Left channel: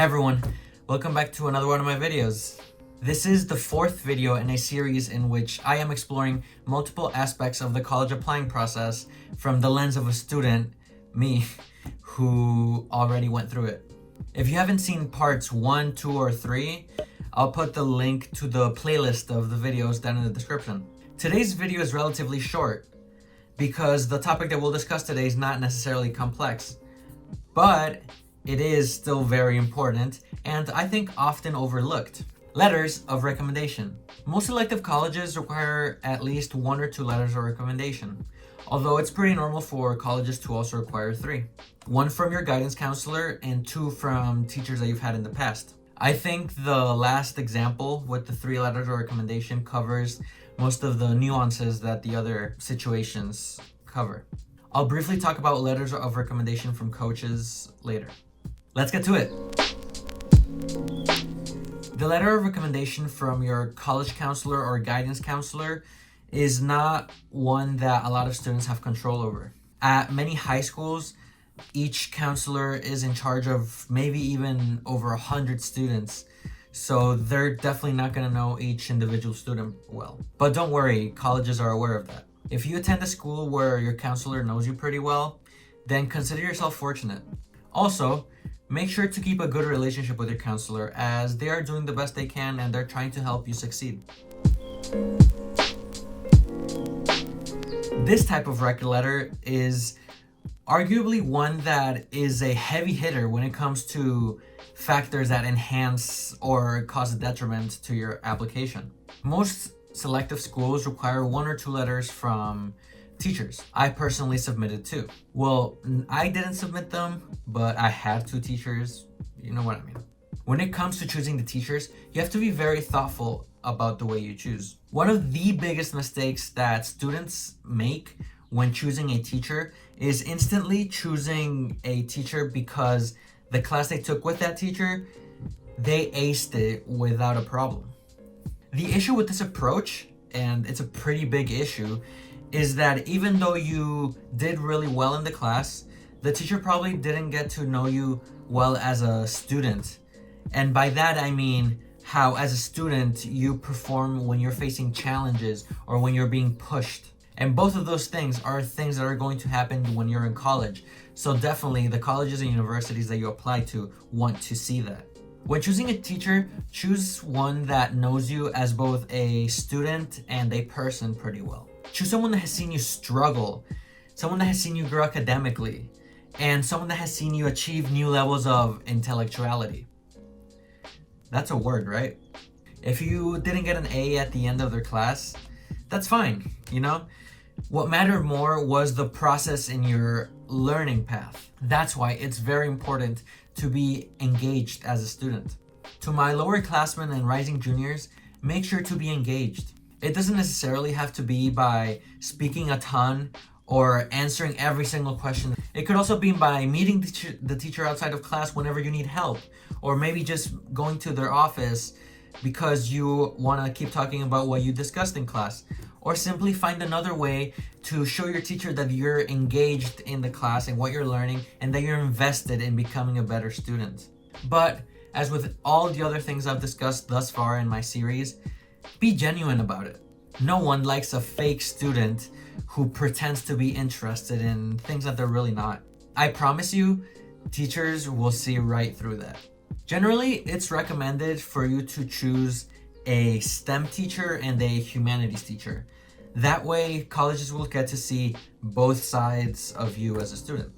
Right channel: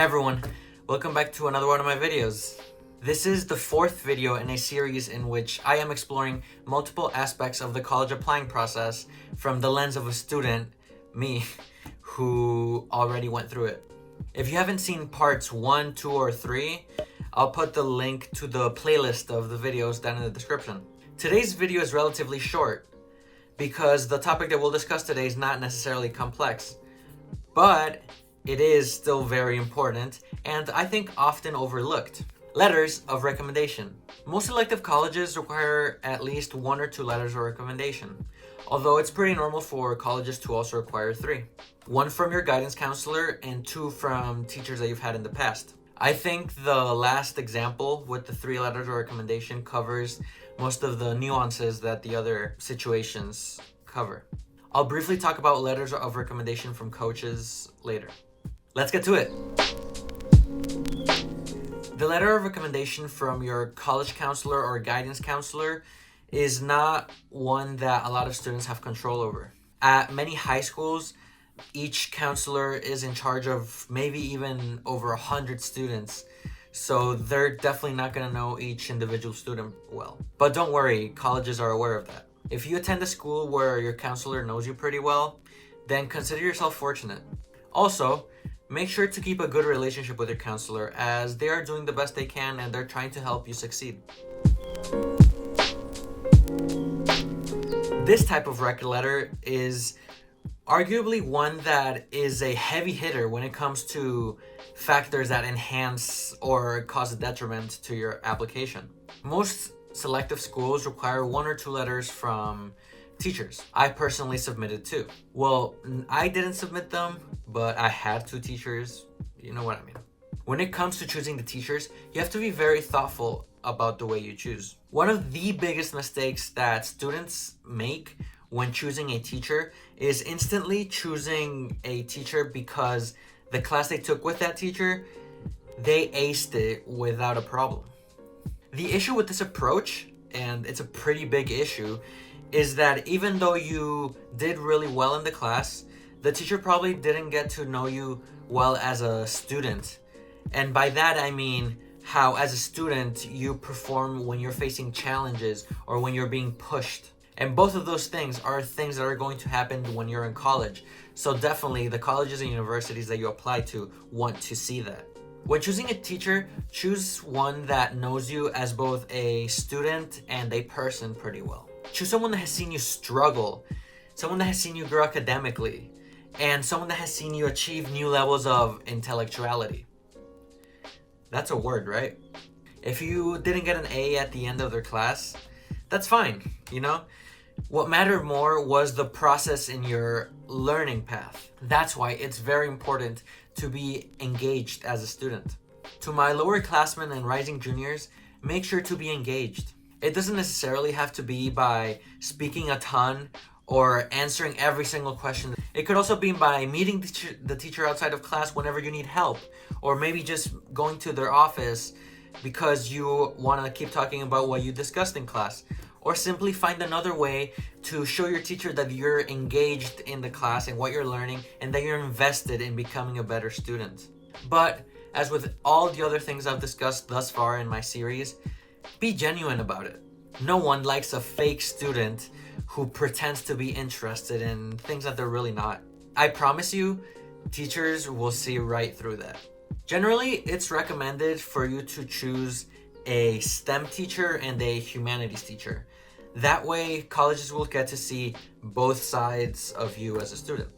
Hey everyone, welcome back to another one of my videos. This is the fourth video in a series in which I am exploring multiple aspects of the college applying process from the lens of a student, me, who already went through it. If you haven't seen parts 1, 2, or 3, I'll put the link to the playlist of the videos down in the description. Today's video is relatively short because the topic that we'll discuss today is not necessarily complex, but it is still very important and I think often overlooked. Letters of recommendation. Most elective colleges require at least 1 or 2 letters of recommendation, although it's pretty normal for colleges to also require 3. 1 from your guidance counselor and 2 from teachers that you've had in the past. I think the last example with the 3 letters of recommendation covers most of the nuances that the other situations cover. I'll briefly talk about letters of recommendation from coaches later. Let's get to it. The letter of recommendation from your college counselor or guidance counselor is not one that a lot of students have control over. At many high schools, each counselor is in charge of maybe even over 100 students, so they're definitely not going to know each individual student well. But don't worry, colleges are aware of that. If you attend a school where your counselor knows you pretty well, then consider yourself fortunate. Also, make sure to keep a good relationship with your counselor as they are doing the best they can and they're trying to help you succeed. This type of rec letter is arguably one that is a heavy hitter when it comes to factors that enhance or cause a detriment to your application. Most selective schools require 1 or 2 letters from teachers. I personally submitted 2. Well, I didn't submit them, but I had 2 teachers. You know what I mean. When it comes to choosing the teachers, you have to be very thoughtful about the way you choose. One of the biggest mistakes that students make when choosing a teacher is instantly choosing a teacher because the class they took with that teacher, they aced it without a problem. The issue with this approach, and it's a pretty big issue, is that even though you did really well in the class, the teacher probably didn't get to know you well as a student. And by that I mean how as a student you perform when you're facing challenges or when you're being pushed. And both of those things are things that are going to happen when you're in college. So definitely the colleges and universities that you apply to want to see that. When choosing a teacher, choose one that knows you as both a student and a person pretty well. Choose someone that has seen you struggle, someone that has seen you grow academically, and someone that has seen you achieve new levels of intellectuality. That's a word, right? If you didn't get an A at the end of their class, that's fine, you know? What mattered more was the process in your learning path. That's why it's very important to be engaged as a student. To my lower classmen and rising juniors, make sure to be engaged. It doesn't necessarily have to be by speaking a ton or answering every single question. It could also be by meeting the teacher outside of class whenever you need help, or maybe just going to their office because you want to keep talking about what you discussed in class, or simply find another way to show your teacher that you're engaged in the class and what you're learning and that you're invested in becoming a better student. But as with all the other things I've discussed thus far in my series, be genuine about it. No one likes a fake student who pretends to be interested in things that they're really not. I promise you, teachers will see right through that. Generally, it's recommended for you to choose a STEM teacher and a humanities teacher. That way, colleges will get to see both sides of you as a student.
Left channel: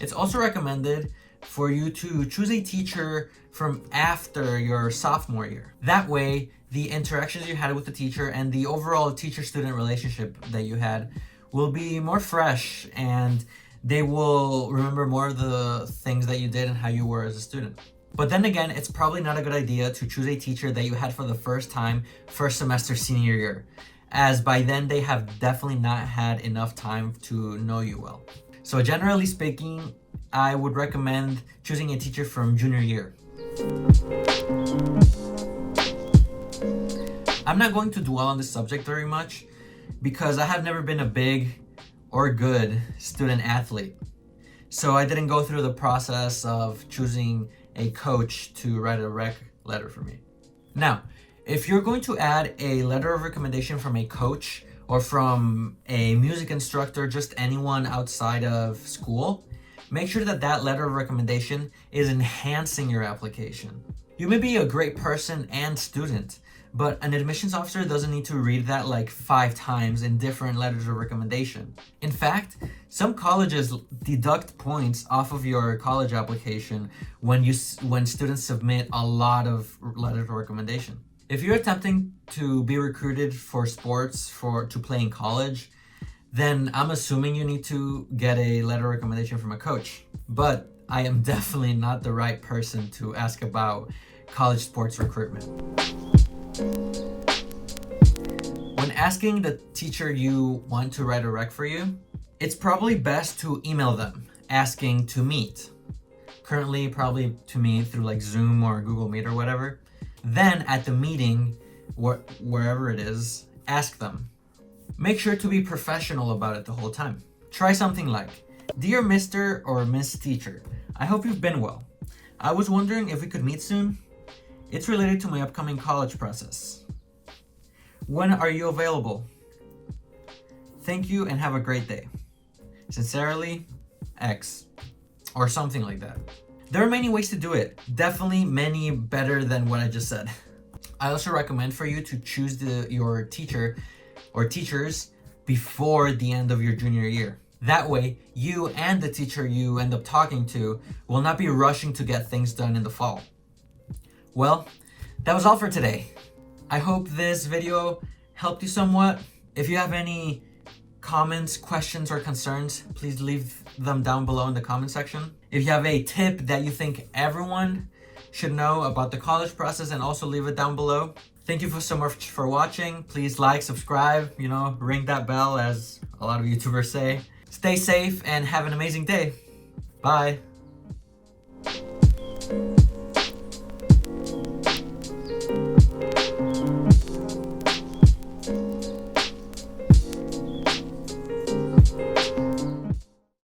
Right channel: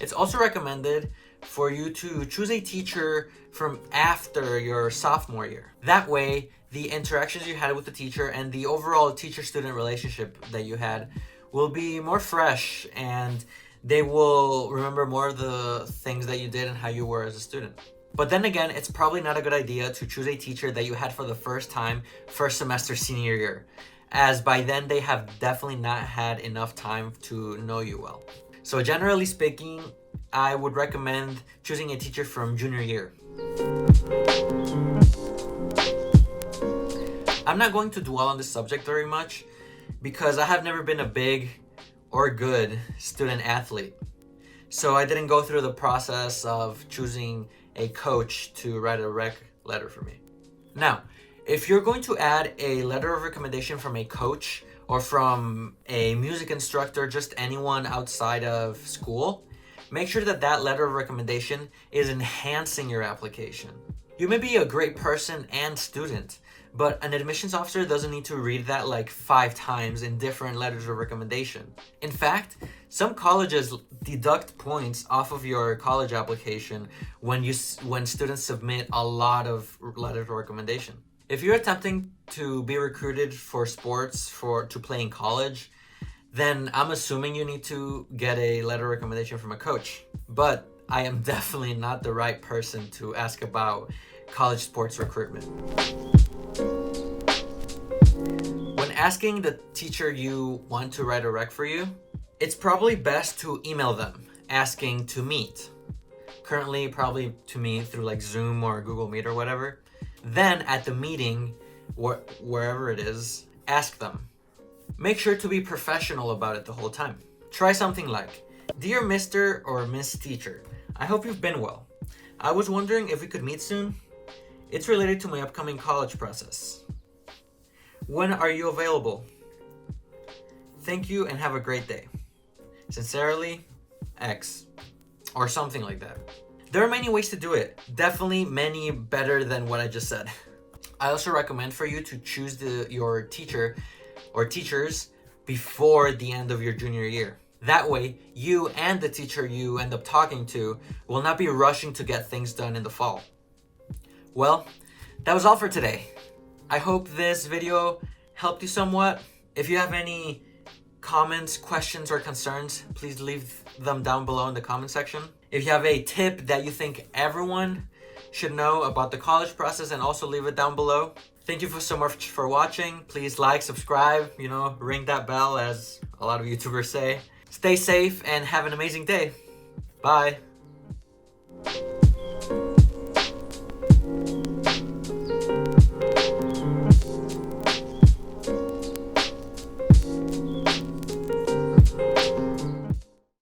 It's also recommended for you to choose a teacher from after your sophomore year. That way, the interactions you had with the teacher and the overall teacher-student relationship that you had will be more fresh, and they will remember more of the things that you did and how you were as a student. But then again, it's probably not a good idea to choose a teacher that you had for the first time, first semester senior year, as by then they have definitely not had enough time to know you well. So generally speaking, I would recommend choosing a teacher from junior year. I'm not going to dwell on this subject very much because I have never been a big or good student athlete. So I didn't go through the process of choosing a coach to write a rec letter for me. Now, if you're going to add a letter of recommendation from a coach or from a music instructor, just anyone outside of school, make sure that that letter of recommendation is enhancing your application. You may be a great person and student, but an admissions officer doesn't need to read that like 5 times in different letters of recommendation. In fact, some colleges deduct points off of your college application when students submit a lot of letters of recommendation. If you're attempting to be recruited for sports to play in college, then I'm assuming you need to get a letter of recommendation from a coach. But I am definitely not the right person to ask about college sports recruitment. When asking the teacher you want to write a rec for you, it's probably best to email them asking to meet. Currently, probably to meet through like Zoom or Google Meet or whatever. Then at the meeting, wherever it is, ask them. Make sure to be professional about it the whole time. Try something like, "Dear Mr. or Miss Teacher, I hope you've been well. I was wondering if we could meet soon. It's related to my upcoming college process. When are you available? Thank you and have a great day. Sincerely, X." Or something like that. There are many ways to do it. Definitely many better than what I just said. I also recommend for you to choose your teacher or teachers before the end of your junior year. That way, you and the teacher you end up talking to will not be rushing to get things done in the fall. Well, that was all for today. I hope this video helped you somewhat. If you have any comments, questions, or concerns, please leave them down below in the comment section. If you have a tip that you think everyone should know about the college process, and also leave it down below. Thank you so much for watching. Please like, subscribe, ring that bell, as a lot of YouTubers say. Stay safe and have an amazing day. Bye.